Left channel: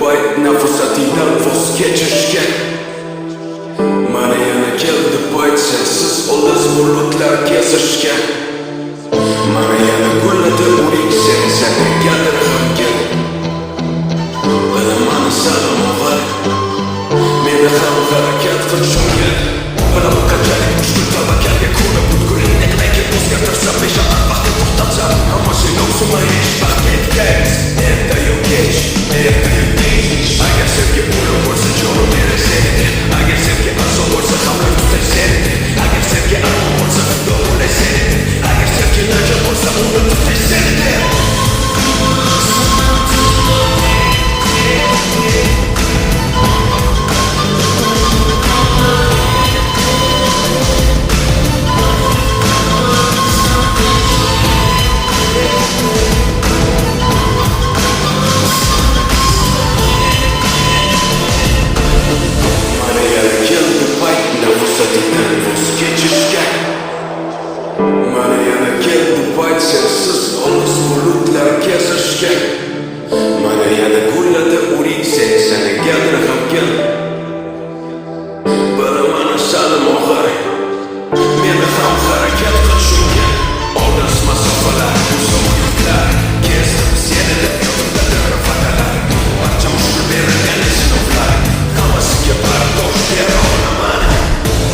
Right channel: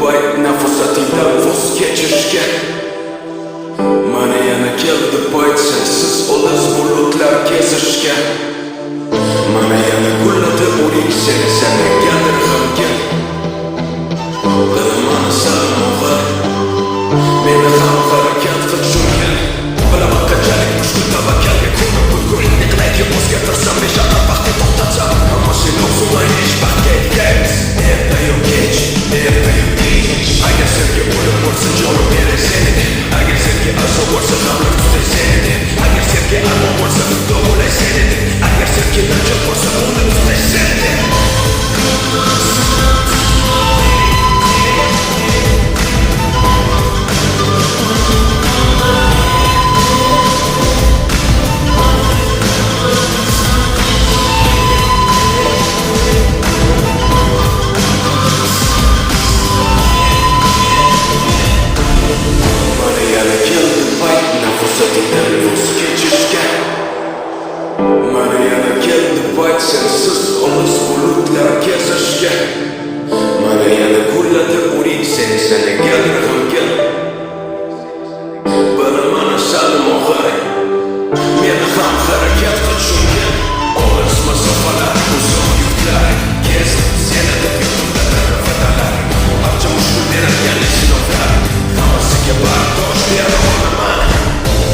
payt nafasatingdan voz kechishga. Mana yana keldi payt sensiz olis bulutlar kezishga. Mana yana gulladi o'rik seni negadir g'amgin. Bilaman salim og'ir, meni ham harakat qilishgan. Bilaman qanchalik mushkul tavakkalga ko'ra butkul. Neqlayki o'zgartirsam beshaqat vaqtni to'xtatsam, ammo sen o'zingga hech vaqtga yetgaymiz. Ertayu kech, ertayu kech. Agar sevgi o'lim bo'lsa jonim beray seni deb. Agar sevgi arzon bo'lsa hamlar tutay seni deb. Agar sevgi armon bo'lsa xudo bo'lay seni deb. Agar sevgi najot bo'lsa uni tutay seni deb. Nafasatingdan voz kechishga. Mana yana keldi payt sensiz olis bulutlar kezishga. Mana yana gulladi o'rik seni negadir g'amgin. Bilaman salim og'ir, meni ham harakat qilishgan. Olis masofalar, uzoq yurtlar kezdim seni deb yodimda darvadalar. Barcha mushkul berilgan sinovlar hammasiga bardosh bera olaman.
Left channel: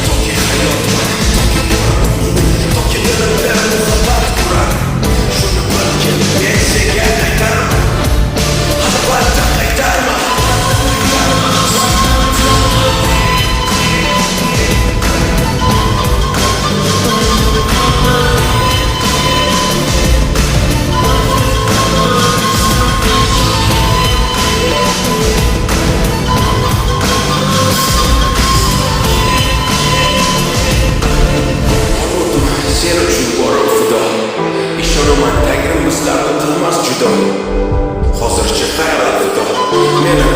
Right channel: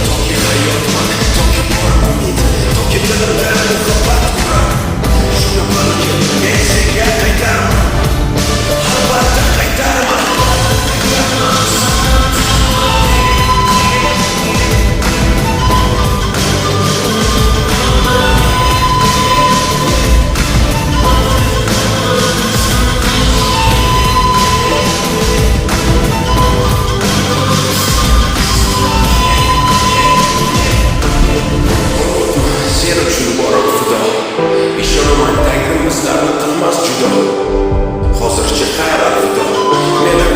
Toki hayotman, toki bor umid, toki dilimda muhabbat qurar. Shuni bilgin, men senga qaytarman, albatta qaytarman. Sen uchun borim fido. Ishonaman Tangrim bizlarni qilmas judo. Hozircha xayr alvido. Meni